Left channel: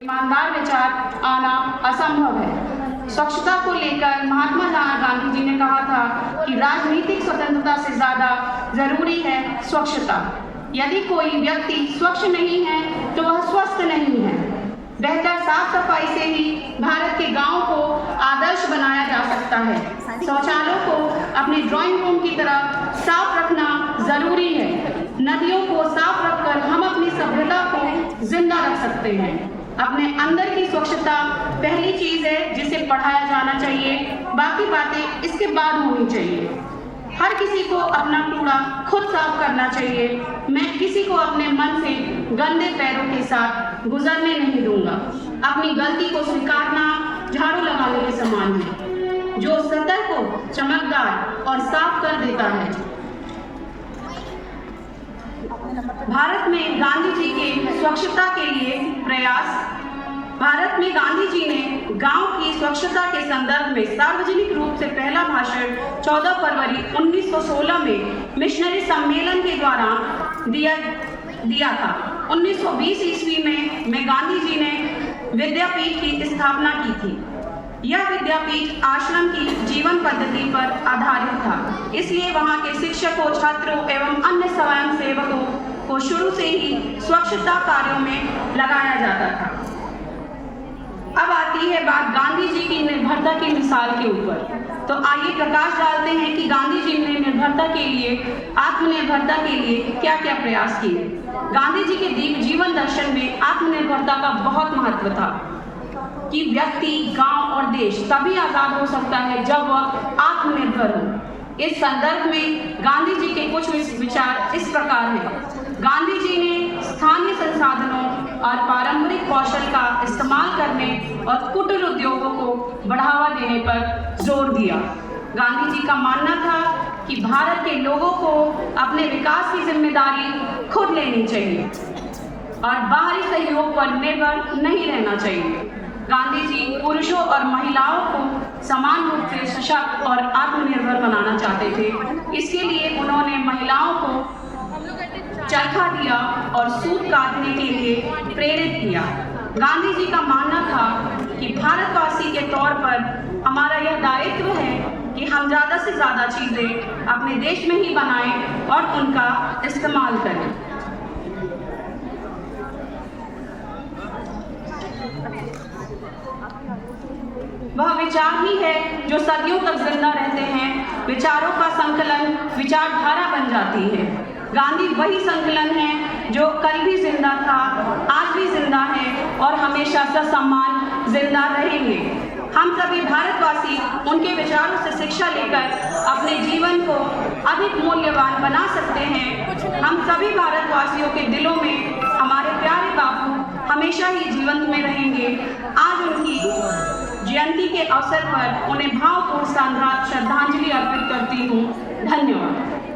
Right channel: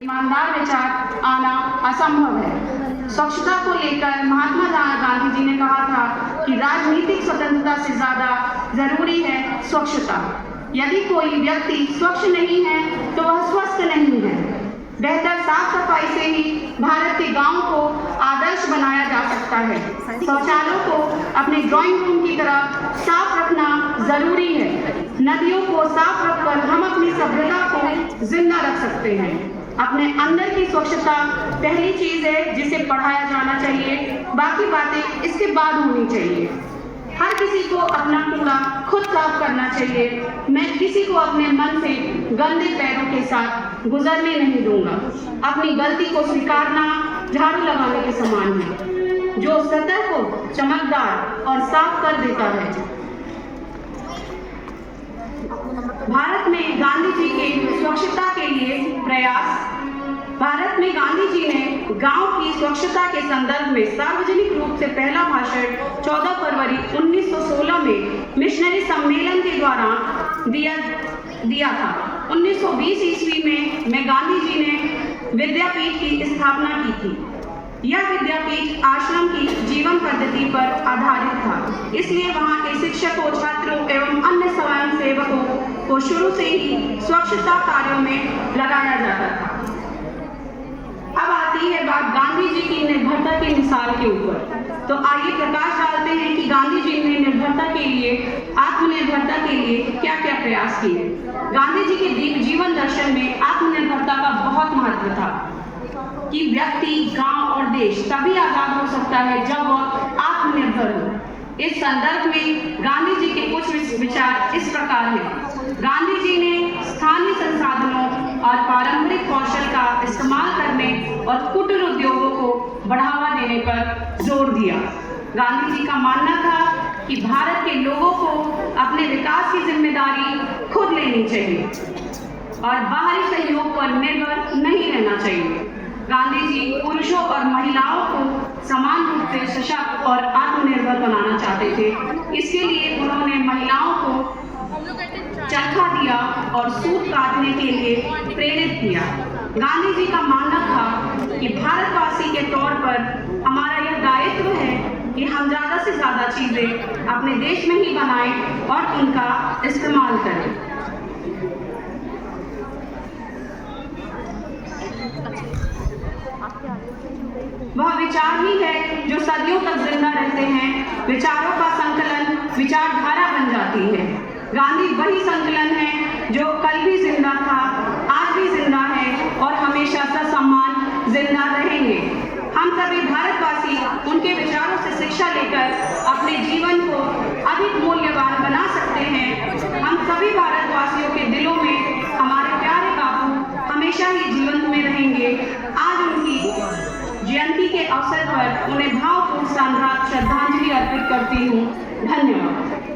ईमानदार विचार आना असंभव है। स्वच्छता को लेकर महात्मा गांधी जी ने कहा था कि राजनीतिक स्वतंत्रता से ज्यादा जरूरी है स्वच्छता। यदि कोई व्यक्ति स्वच्छ नहीं है तो वह स्वस्थ नहीं है। बेहतर साफ सफाई से ही भारत के गांव को आदर्श बनाया जा सकता है। शौचालयों को अपने ड्राइंग रूम की तरह साफ रखना जरूरी है। नदियों को साफ रखकर हम अपनी सभ्यता को जिंदा रख सकते हैं। अपने अंदर की स्वच्छता पहली चीज है जिसे पढ़ाया जाना चाहिए, बाकी बातें इसके बाद होनी चाहिए। हर किसी को अपना कूड़ा खुद साफ करना चाहिए। मैं किसी को अपने मन से गंदे पैरों के साथ गुजरने नहीं दूंगा। अपनी गलती को स्वीकारना झाड़ू लगाने के समान है, जो सतह को चमकदार और साफ कर देता है। भारत में गांधी जी के स्वच्छता के लिए प्रयास। भारत में गांधी जी ने गांव की स्वच्छता के संदर्भ में सार्वजनिक रूप से पहला भाषण 14 फरवरी 1916 में मिशनरी सम्मेलन के द्वारा दिया था। 1920 ईस्वी में गांधी जी ने विद्यापीठ की स्थापना की थी। यह विद्यापीठ आश्रम की जीवन पद्धति पर आधारित था, इसलिए वहां के शिक्षकों, छात्रों एवं अन्य स्वयं सेवकों को शुरू से ही स्वच्छता कार्यों में लगाया जाता था। अब आती है बात गांधी जी की निर्भरता की मिसाल के ऊपर। तो आइए प्रकाश डालते हैं कि गांधी जी ने निर्भरता के लिए, आत्मनिर्भरता के लिए क्या क्या प्रयास किए। गांधी जी के जीवन दर्शन में आत्मनिर्भरता का बहुत महत्व था कि व्यक्ति, गांव और देश तभी आजाद हो सकता है जब वह आत्मनिर्भर हो। इस संदर्भ में गांधी जी के कुछ विचार इस प्रकार हैं। गांधी जी ने स्थानीय संसाधनों और पारंपरिक कौशल का इस्तेमाल करने और कुटीर उद्योगों को बढ़ावा देने पर जोर दिया। गांधी जी का मानना था कि भारत के लोगों को अपने विकास की जिम्मेदारी खुद लेनी चाहिए और बाहरी सहयोग पर निर्भर नहीं रहना चाहिए। गांधी जी पुरुषों और महिलाओं को समान रूप से सशक्त और आत्मनिर्भर बनाना चाहते थे। इसके लिए उन्होंने महिलाओं को चरखा दिया और सूत काटने के लिए प्रेरित किया। गांधी जी का मानना था कि भारतवासी के तौर पर हमारा यह दायित्व है कि हम ज़्यादा से ज़्यादा चीज़ें अपने देश में ही बनाएं और उनका इस्तेमाल करें। वह विचार ही है जो सदियों तक जिंदा रहते हैं। विचारों का संकलन विचारधारा बन जाती है। गांधी वही संकलन है जो कल भी जिंदा था, आज भी जिंदा है और हमेशा ससम्मान जिंदा रहेंगे। हम सभी भारतवासी उनके विचारों से शिक्षा लेकर अपने जीवन को अधिक मूल्यवान बना सकते हैं। हम सभी भारतवासियों के दिलों में हमारे प्यारे बापू हमेशा ही जीवंत में रहेंगे। आज उनकी जयंती के अवसर पर उन्हें भावपूर्ण श्रद्धांजलि अर्पित करती हूँ। धन्यवाद।